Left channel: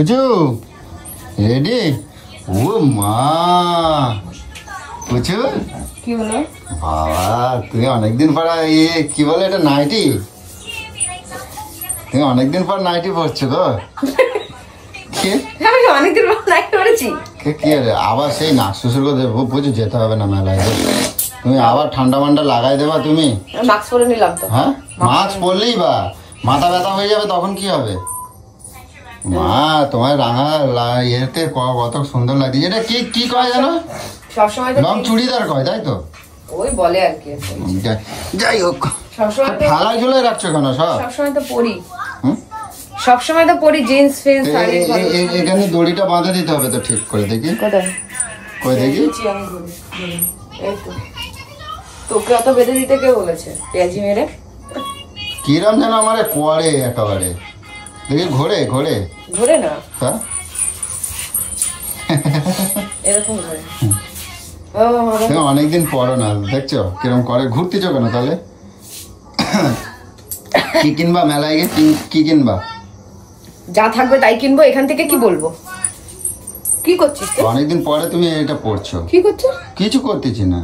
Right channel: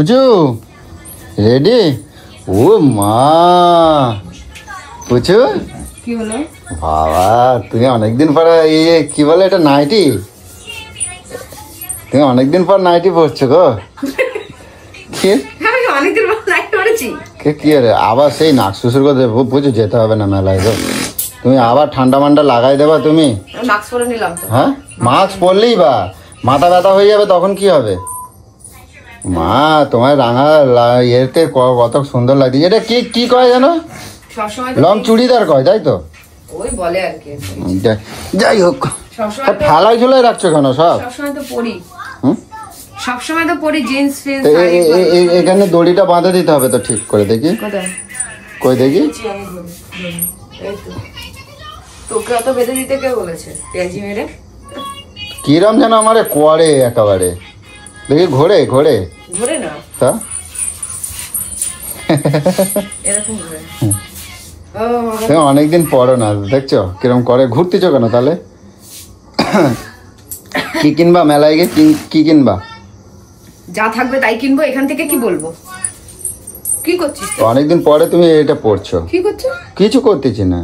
পুচু ready? ও মা পুচু কি হলো বাবা, তুমি অনেকদিন পরে কি বলে এটা নাইটি? তুমি অনেকদিন পর নাইটি পরছো গো। অনেকদিন পর নাইটি পরেছি। কি রে আবার সেই নাক শ্বশুর করতে পুজো যেতে হবে না মেলায় গো। তুমি আবার ঠান্ডা মান্ডা লাগাই দেবা তুমি। মাস্ক পরে নিলাম তো। হ্যাঁ মাস্ক পরলেই বা মাথা ব্যথা হয়ে যাবে তখন কি হবে? মা তোমার রাঙা ইয়েতে কত সুন্দর লাগছে। এটা কি কি কয় জানো? সবসময় লং চুড়িদার কয় তাই তো? ওই বলে আর কি। যাই হোক সবসময় থালায় ঝুলাই রাখছো কেন সব? সবসময় তো পরি, সবসময় তো পরি জিন্স ফিন্স শাড়ি। এখানে দড়িটা বাঁধা দিতে হবে তো ঠিক করে দেখি। কোথায়? কই দেখি। তোকে অত বেঁধে দিতে কে বলেছে? পেঁয়াজি মেরে কিরম যেন আমারে করে একেবারে দেখি ঘোরে ঘোরে ঘোরে না তা এরকম হয়। অনেকদিন পরে না দেখছো কিরম করে। ঘুরতেছো কেন তাহলে? কি কিনবা মেলায় গিয়ে? কি কিনবা? যা থাকবে তাই কিনবো। এখান থেকে কি বলবো? কি করছিস? অনেকদিন পরে তুমি এটা পড়ছো। কি করছো? কিছু করতেছি না।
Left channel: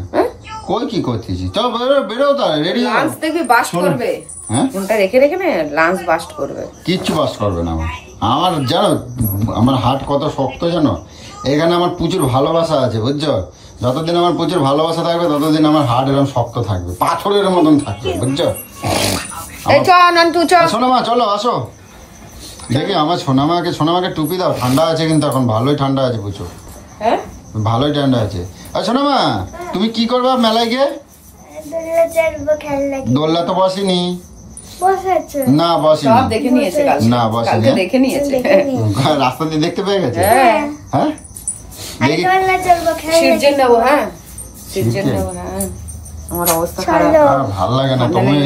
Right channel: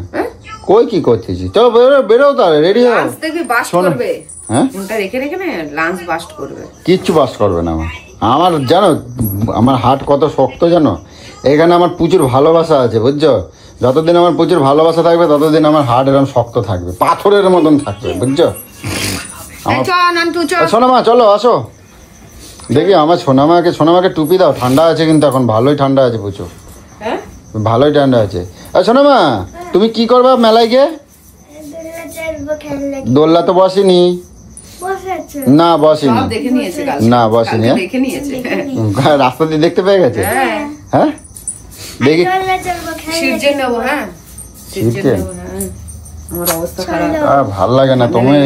কই কি করতেছি? চল বেরো তাহলে রেডি হও। লাঞ্চ দেখবি বাস্ট করবে। হ্যাঁ ফোনটা রেখে রেখে না লাঞ্চ বাস্ট করবে। কিচ্ছু বাস্ট করবে না। আমার জানো আমার হাট কত শক্ত জানো? এখানে আমার প্রচুর ভালোবাসা আছে বুঝছো। যতদিন আমার প্রচুর ভালোবাসা থাকবে ততদিন আমার হাট এরকম শক্ত থাকবে, পাথরের মতন থাকবে বুঝছো। সোনামা চলো আসো দেখি আমার সোনামাকে টুপি দাও। ঠান্ডা আছে কিন্তু এখন ভালোই ঠান্ডা আছে প্রচুর। হ্যাঁ ভালোই ঠান্ডা আছে। সোনামা তুমি কি করবে মেলায় গিয়ে? দোল্লা তো বসেনি না, বসেনি না, বসেনি। রাস্তা দিয়ে দেখতে পেয়ে গেছে। হ্যাঁ দেখি ভাল লাগে না তুমি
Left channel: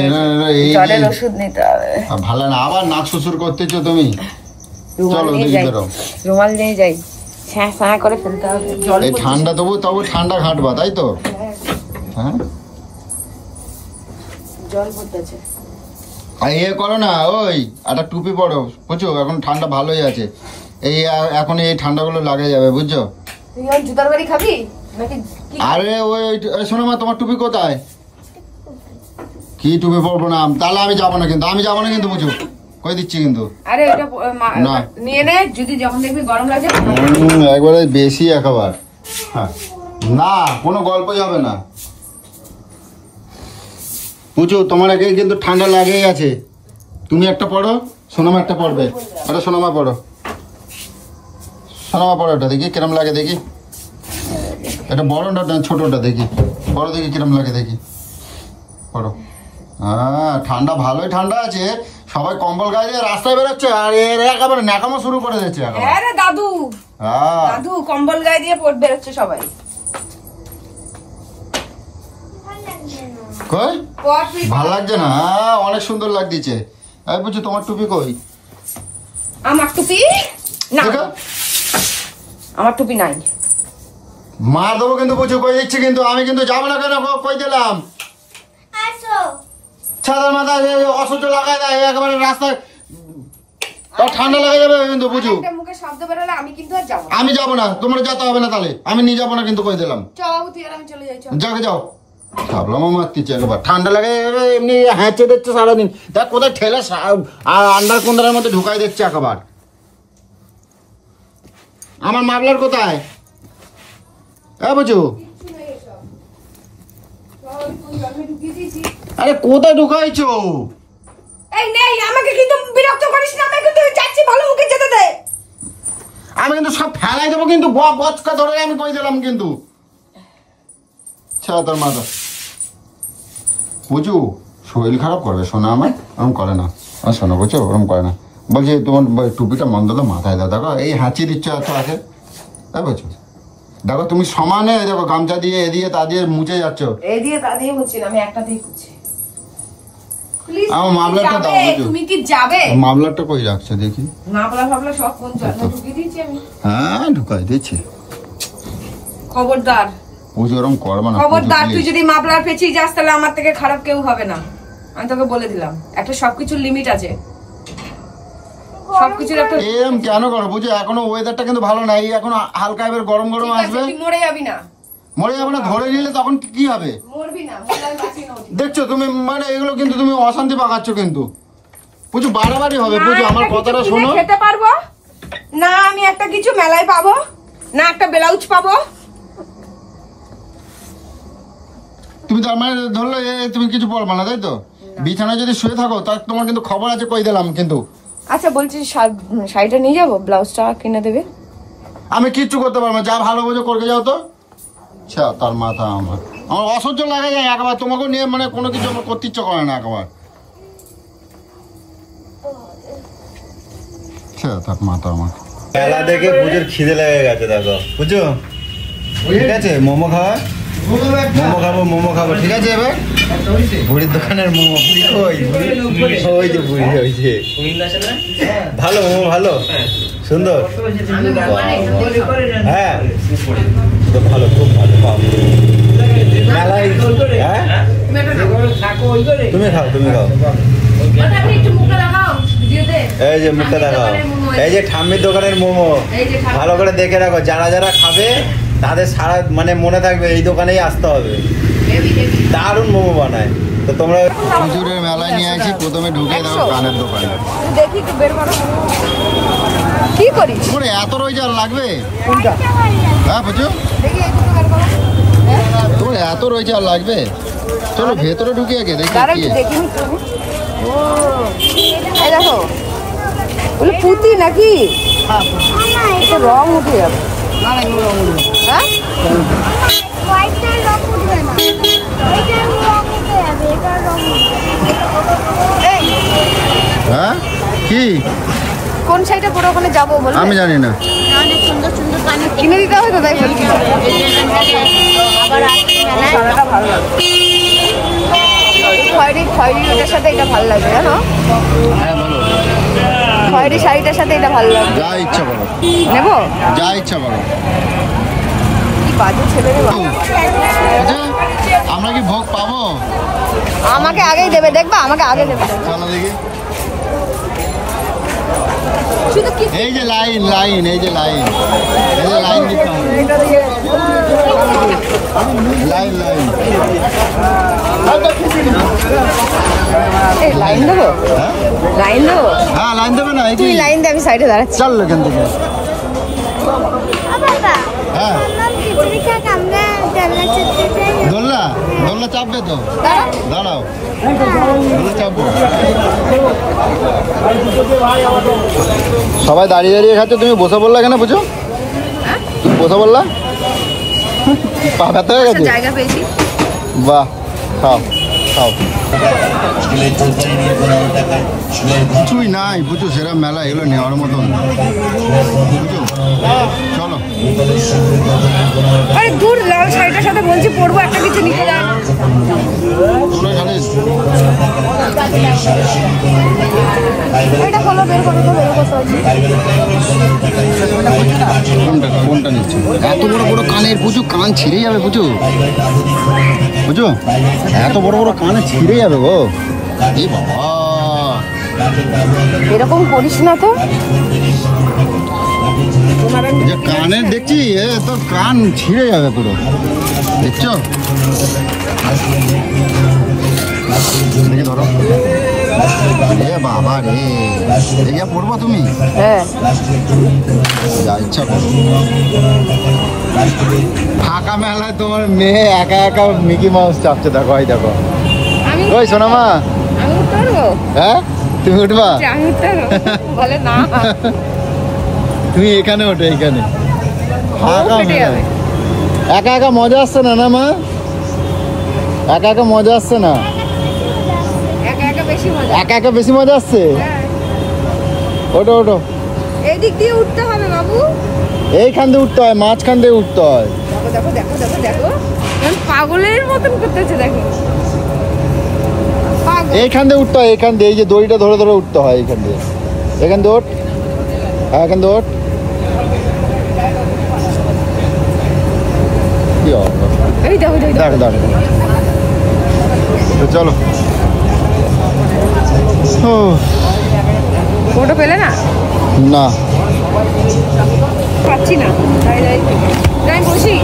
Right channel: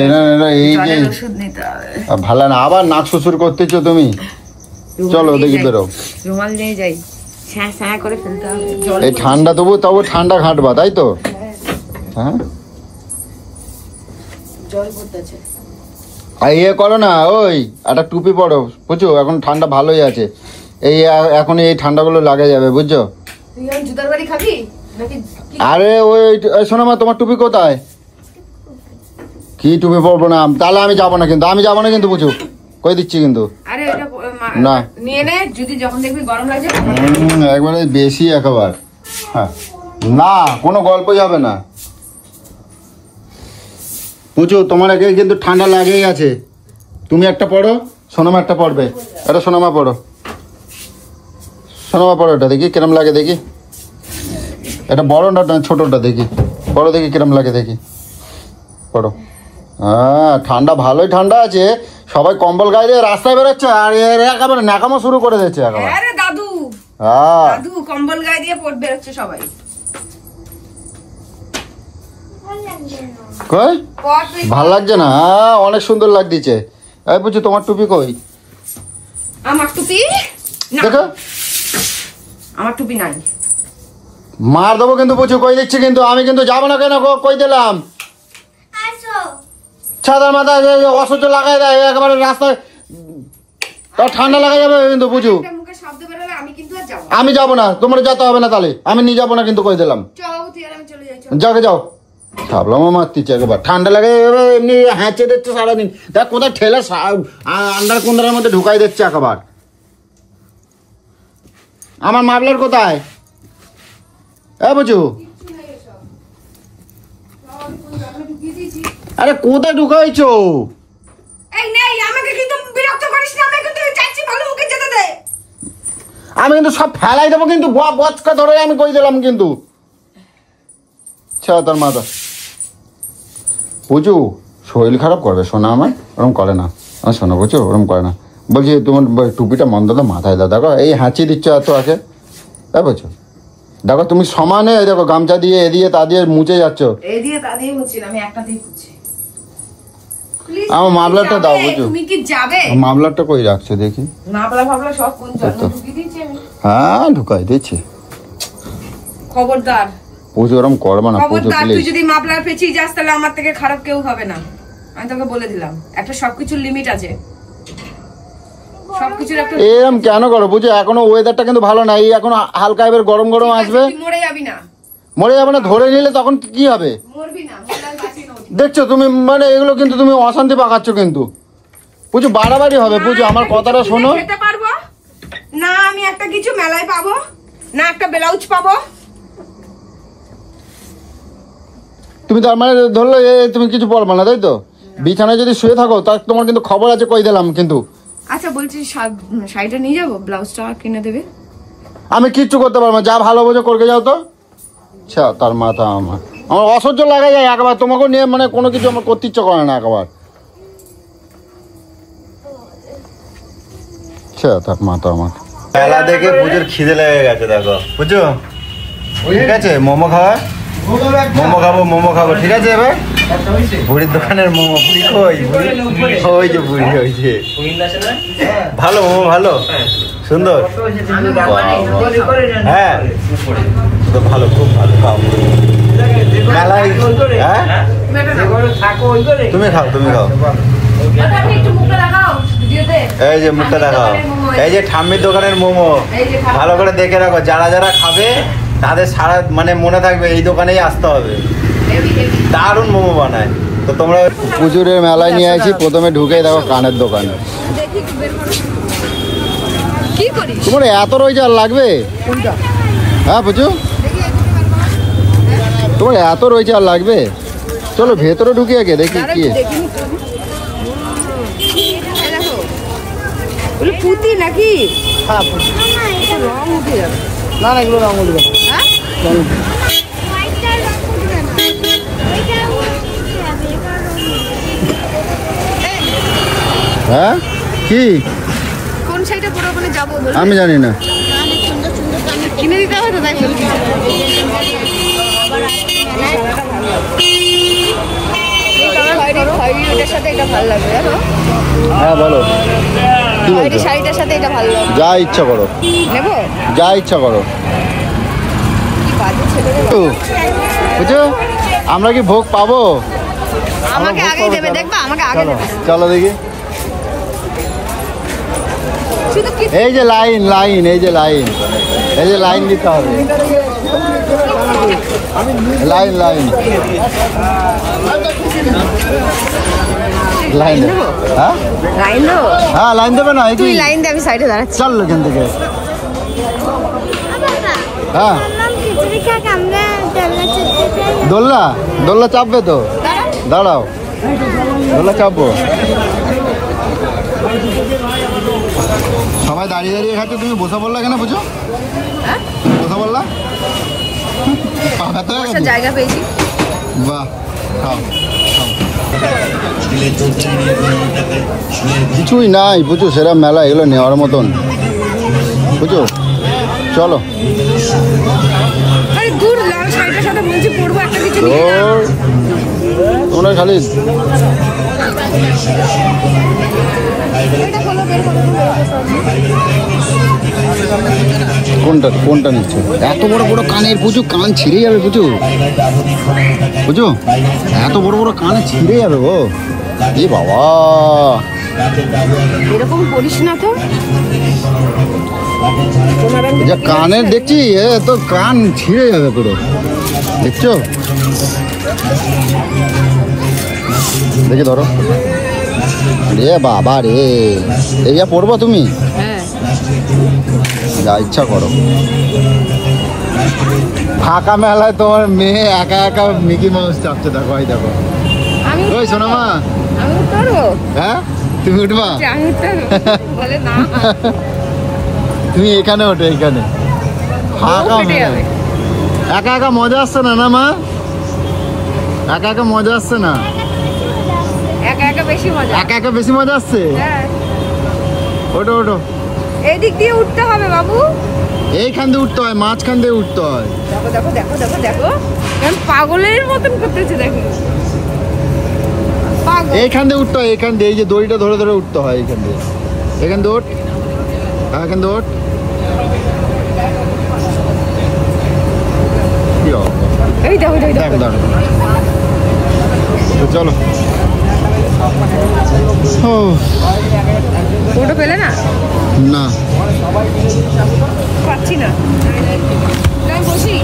ভালো না। আবার নাক শ্বশুর করতেছো তুমি। চলো দেখি বেরো। রুমাল নিয়ে যাই করে ফেলতে হবে। এই ঠান্ডা তবু ঠান্ডা ঘাটবা তাই তো? হ্যাঁ জল পড়তেছে। ইয়ে করো না, ওই একটা টুপি পরো বুঝছো। এখন ঠান্ডা ভালোই আছে। এখন এই ঠান্ডাগুলো লাগা যাবে বুঝছো। জুতার বাড়ি খাবি? আরে ওই শোনো মা তোমার টুপি কোথায়? কি টুপি পরবো না তাহলে আমি যাবো না কিন্তু। আমি যাবো না কিন্তু বুঝো, কই দিচ্ছি কিন্তু। আরে এটা না নিয়ে নে, যদি যখন দেখবি গরম লাগে একবারে বেশি একেবারে। হ্যাঁ না কোনো গল্প যাবে না বুঝো। তোমার আগে কিন্তু ঠান্ডা লাগেই আছে। তুমি একটা পড়ো, সোনামা একটা পড়বে। এটা সোনামা পড়ো, সোনামা পড়ো। এটা দেখি কিরম লাগে দেখি। এটা বড়টা না ছোটটা দেখি পড়ো দেখি কিরম লাগে দেখি পড়ো। হ্যাঁ ঠান্ডা ভালোই ঠান্ডা আছে। সবাই কম্বল গায়ে দিয়ে রাস্তায় বেরোচ্ছে আর একেবারে ন্যাকামো শুরু করে দিচ্ছে। দাদু দাদু কম্বল গায়ে দিয়ে বেরোচ্ছে সবাই। ভালো লাগছে না? অনেক সুন্দর লাগছে। বুঝছো তোমার টুপি কই? আমার টুপি না, আমার টুপি নাই। মার দেবো কিন্তু বুঝছো, কই দিচ্ছি কিন্তু। আমি কিন্তু যাবো না কেন কই দিলাম। ছাদা মাথা অসহ্য লাগাই দেয় একেবারে রাস্তায়। ঠান্ডা লাগা যাবে কিন্তু বুঝু। আমি যাবো না, তোমার যেতে হবে না তাহলে। আমি নিয়ে যাবো না কিন্তু কই দিলাম। যাকে যাও ভাবলাম মারতিচ্ছে একবার। ঠান্ডা লাগে এমনি হ্যাঁচে দিচ্ছে সারাদিন। দেখ কোথায় ঠেলে আন্ডার কুন্দারের মধ্যে ঢুকাই দিচ্ছে একবার। আমার মাফলার কোথায়? বুঝু আরে কোথায় ঢুকাইছো? আমি কিন্তু সব ফেলাই দেবো কিন্তু। বচকা ধরে আমি কই দিলাম কিন্তু। তার মাথা বুঝু শরীর খারাপ করবে শোনা। আমার ওরকম করে না। শোনা বুঝছো ওরকম করে না। বলছি তোমার টুপিটা মন্দ তো মাথায় দাও। দেখো এই হাঁচি দিচ্ছে এত আছে। তাই বলছো দেখো তুমি সমানে দেখো গামছা দিয়ে এ দিয়ে তা দিয়ে মুছে যাচ্ছ। আমার মামলাটা দাও বুঝো। তুমি কি যাবে? মামলাটা কই রাখছো দেখি। হ্যাঁ ঢুকাই দিচ্ছি। খবরদার বুঝো ওরকম করবো না। খবরদার তুই যদি মামলার পেছিয়ে যাস তাহলে আমার থেকে খারাপ কেউ হবে না। আমি তোকে বলে দিলাম একটা সবকিছুর লিমিট আছে। সবকিছুর একটা এরকম কেন করো বুঝো? এখনো ওয়েদারটা কিন্তু ভালো না, এই এখন হালকা এবার গরম গরম আসবে। মরে যাবি না, মরে যাবে না, ধরে নিলে তখন কি হবে? মরবি না, মরলে বাঁচি না। দেখছো তুমি, মানে এগুলো কিন্তু তুমি অশান্তি পাকাচ্ছ কিন্তু বুঝো, বাড়াবাড়ি হবে বুঝো। আমার কথাটা শোনো। খেতে পারবো না আমি একটা কিছু মেলায় পাবো না, একটা ব্লাউজ পাবো। তুমি তার মানে ধরলো তুমি কিছু পড়বে না, তাই তো? বিছানায় যদি শুয়ে থাকো তার তোমার কিন্তু খবর আছে, কই দিলাম কিন্তু। আচ্ছা বলছি শাড়িটা নিয়ে যাবো, ব্লাউজটা কিনে দেবে? আমি কিচ্ছু করতে পারবো না, যা ভালো বোঝো করকে যাও তো। তার মাথা আমার অসহ্য লাগা যায় একবার, তোমাকে নিয়ে মানে কোনো কিছু আমার করতে ইচ্ছে করে না একবার। তার মাথা আমার মেলা দেখে পুজোর খিদে লেগে গেছে, দেখো বুঝছো? ঠিক আছে, মোমো খাওয়া, মোমো খাবো ঠিক আছে। এবার বুড়ির দোকানের মোমো, বুড়ি কই? ওই যে বুড়ি, ওই যে ভালো মোমো, ভালো সুন্দর, হ্যাঁ তো ভালো, খুব ভালো। খাও মেলায়, হ্যাঁ তুমি খাও, তুমি খাও। এই যে মুখটা দেখাও, এই যে ঠাম্মির দোকানের মোমো, ভালো করে দেখে রাখো। যারা যারা খাবে তাদের সারা মানে মনে থাকবে এই দোকানেই আসতে হবে, দারুণ মোমো বানায়। তো তোমরা পুজোরের মেলায় নিয়ে আসি, প্রথমে ঢুকে দেখো কানের দোকানে। কি করিস তোমার এত রয়েছে আর লাগবে? কোনটা? হ্যাঁ বুঝু, তোমার এত রয়েছে আর লাগবে? চলো ভেতরে ঢুকে আগে দেখি কি। দেখো বলে পুঁতি নাকি রং উঠে যাবে। না না, এগুলো রং উঠবে। হ্যাঁ হ্যাঁ কি কোন সাইডে পরে ওখানে যাবো বল? আমি জানি না। কিনে দিতে হবে তো, তাই বলছি। খয়েরিটার সাথে এটা ভালো লাগবে, জানো? হ্যাঁ বলো, খয়েরি শাড়িটার সাথে এটা ভালো লাগবে। যা ইচ্ছা করো, নেবো, যা ইচ্ছা করো। বাজে ছেলে। বুঝছো, আমরা কি ভোগ পাবো? আমাকে আগেই দেবে, দেখবা আমাকে আগে দেবে। চলো দেখি। শুধু কি এই যে লাইন, লাইন, এই যে লাইন, এই যে লাইন দিতে হবে। লাইন লাইন লাইন দেবো? হ্যাঁ লাইন দেবো? হ্যাঁ লাইন দেবে না? তুই লাইন দে, আমি সাইডে দাঁড়াচ্ছি। চললো কিন্তু। হ্যাঁ দোলনা, দোলনা চাপবে তো, দাঁড়াও দোলনা চাপবো। সবাই দাঁড়িয়ে দাঁড়িয়ে খাচ্ছে, তুমি বসে বললা এখানে? বুঝো তুমি বসে বললা, পা ব্যথা হয়ে গেছে? জায়গা পেয়েছি। বাহ, খাও খাও। কিছুই নাই বুঝো, সেরা মেলা এগুলো নেওয়ার মতন বুঝো। চলো। আরে দূর, লাল শাড়িটার সাথে বলছি পরবো, একটা কিছু নিয়ে না। তোমরা খালি কোনটা কোনটা নিচ্ছে? এত বড় বড় কানের বুঝো, কান ছিঁড়ে যাবে বুঝো, বুঝো এত বড় বড় কান ছিঁড়ে যাবে গো। এ বাবা, এরকম করিস না তো। যা কানের দেখছি, এ তো কান ছিঁড়ে যাবে পুরো, দেখছো? দেখে ধরো। রে বাবা রে, এইটা পড়বো তুমি? হ্যাঁ, যা ইচ্ছা করো। ফাঁকা মেলায় তোমার মেয়ে একা একা মিকি মাউস চাপছে, দেখো এই দেখো। আমি ওই সোনামা, আমি উঠবো। হ্যাঁ তুমি উঠবা? আমি উঠবো বলে না, তুমি এখানে ওঠো, এখানে ফাঁকা মেলায়। একা একা মজা আসছে না? না মা, একা একা মজা আসছে না? একা একা বেশি মজা। একা একা বেশি মজা আসছে? হ্যাঁ, ওঠো ওঠো। এই দিক দিয়ে উঠতে হবে বাবু। এইখান দিয়ে উঠতে হয়, মাঝখান দিয়ে উঠতে হয়। দেখো দেখো দেখো দেখো দেখো, পাগলের মতন করতেছে, দেখো পাগল। এইখান দিয়ে উঠতে হয়, এইখান দিয়ে, এই যে দড়িটা ধরে ধরে উঠতে হয় এইখান দিয়ে। এখান দিয়ে ওঠ, এখান দিয়ে ওঠ। কি অবস্থা? এই দেখো দেখো দেখো দেখো। তো চলো। ফটো পেলে না? না পাচ্ছি না। যাই বসি।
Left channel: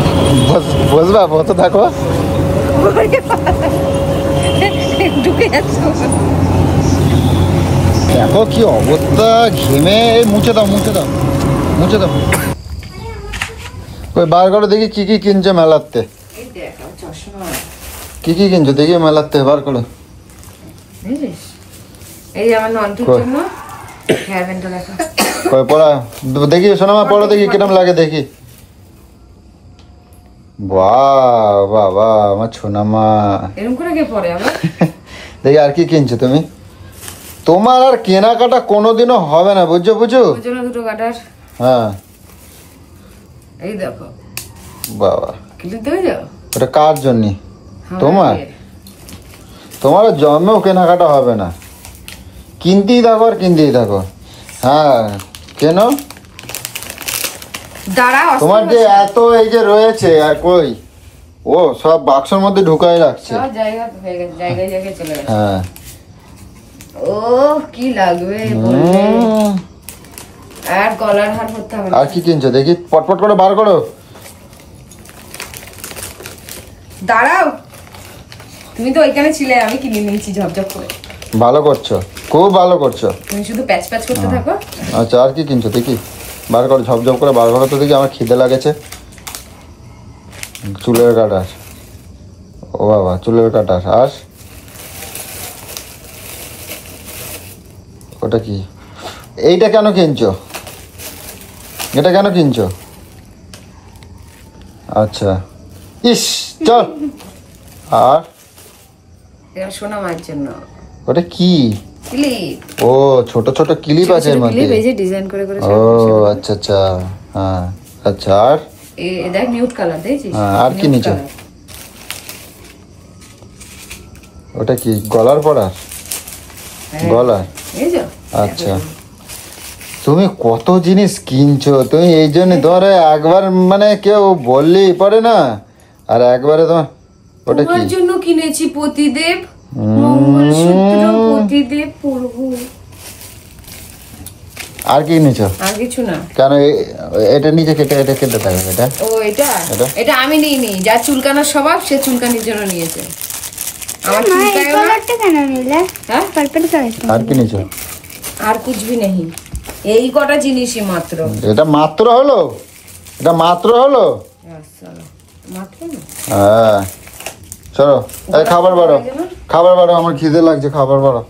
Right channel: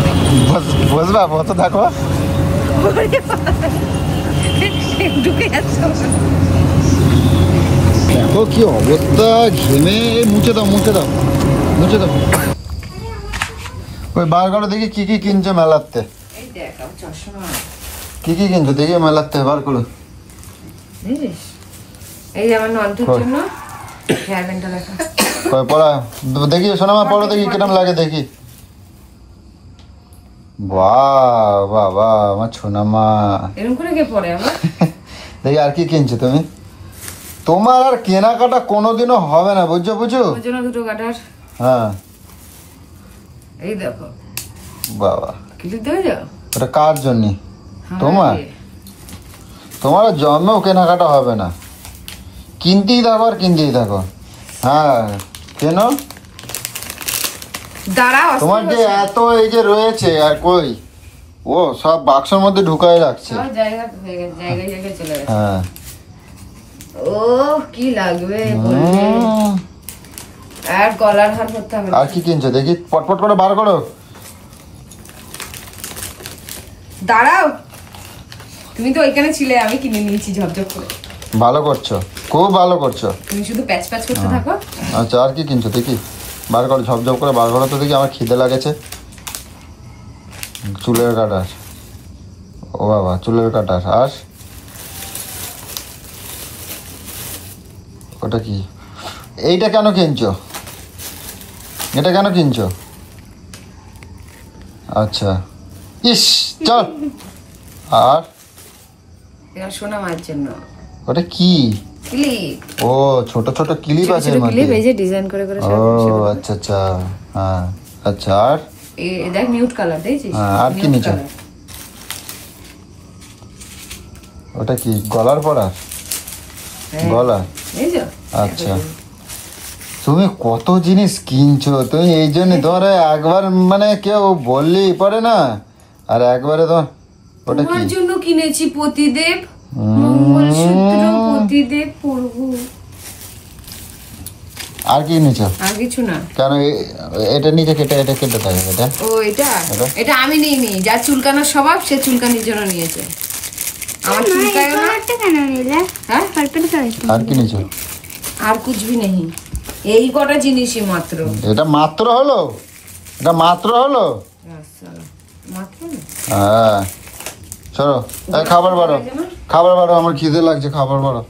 বলবে তো দেখো ঢুকে যাচ্ছে। দেখো কি অবস্থা, ঘেমে। মুছে দাও মুছে দাও মুছে দাও। ওই বার করে দেখি কি কি কিনছে মেলাতে। এই দেখ আমার চশমা। কি কি কিনছো দেখি মেলাতে, বার করো। বুঝিস এই আমার নন্টুর জন্য হেয়ার ব্যান্ডটা দেখা। দেখি শোনো মা, পরে দেখি কিরম লাগে দেখি। বাহ বাহ বাহ আমার সোনা মা। এরকম করে কে পরে আবার? দেখি আর কি কিনছো তুমি। তোমার আর কেনাকাটা কোনোদিনও হবে না, বুঝছো বুঝছো। ওর জন্য দুটো কাটার। হ্যাঁ এই দেখো বাবা, ক্লিপ দেবে যাও। এটা কার জন্য? তোমার? তোমার জন্মেও কেনাকাটা হবে না, কিনতেই থাকো আর কিনতেই থাকো। হ্যাঁ কেন দাঁড়া, তোমার যে এত এই যে রয়েছে আর কই, ও সব বাক্সের মধ্যে ঢুকাই রাখছে। জায়গায় জায়গায় চলে গেছে। হ্যাঁ ও কি লাগবে বললে। আর গলার হার করতে হবে না। আর কি কিনছো দেখি, পটপট করে বার করো। দাঁড়াও, তুমি তো ওইখানে ছিলে, আমি কিনে নিয়েছি ঝপঝপ করে। ভালো করছো, খুব ভালো করছো। তুমি শুধু প্যাচ প্যাচ করতে থাকো। আচ্ছা আর কি কিনছো দেখি, বার করো ঝপঝপ করে বার করো তো দেখি। আমার খিদে লাগেছে। চুলের কাটার, ও বাবা চুলের কাটার। আর ওটা কি, এইটা কেন কিনছো, এটা কেন কিনছো? আচ্ছা ইস চল। আর এবার সোনা মায়ের জন্য ওটা কি? ক্লিপ। ও ছোট ছোট ক্লিপ আছে এর ক্লিপ, মধ্যে। এই যে ডিজাইন করে করে ও আচ্ছা আচ্ছা হ্যাঁ আচ্ছা। আর এই দেখ নিউড কালার দেখছিস? আর কি নিচে? ওটা কি গলার পরা? গলা। এই যে আচ্ছা তুমি কত জিনিস কিনছো তুমি, এই জন্য ধরে একবার মানে কেউ বললেই পরে না, আর একবারে তোমার ওটা কি? তোমার জন্য কিনেছি পতিদেব মঙ্গলসূত্র, পতিদেব পরবো। আর কি নিছো? আর কিছু না। কেন এটা নিজে কেটে এটা কেটে দেয় এটা? ও এটা আমি নিইনি, যার চুলকানোর স্বভাব সে চুলকানির জন্য নিয়েছে। আমার চুলকায়ও না। কেন নিলে? হ্যাঁ পার্পল কালার। আর কি নিছো? আর কুছবি নেই, এই কটা জিনিসই মাত্র। এটা মাত্র হলো, এটা মাত্র হলো। মাত্র না। হ্যাঁ চলো এই খাবার বাড়ো, খাবার বাড়ো, আমার খিদে লাগছে, খাবার বাড়ো।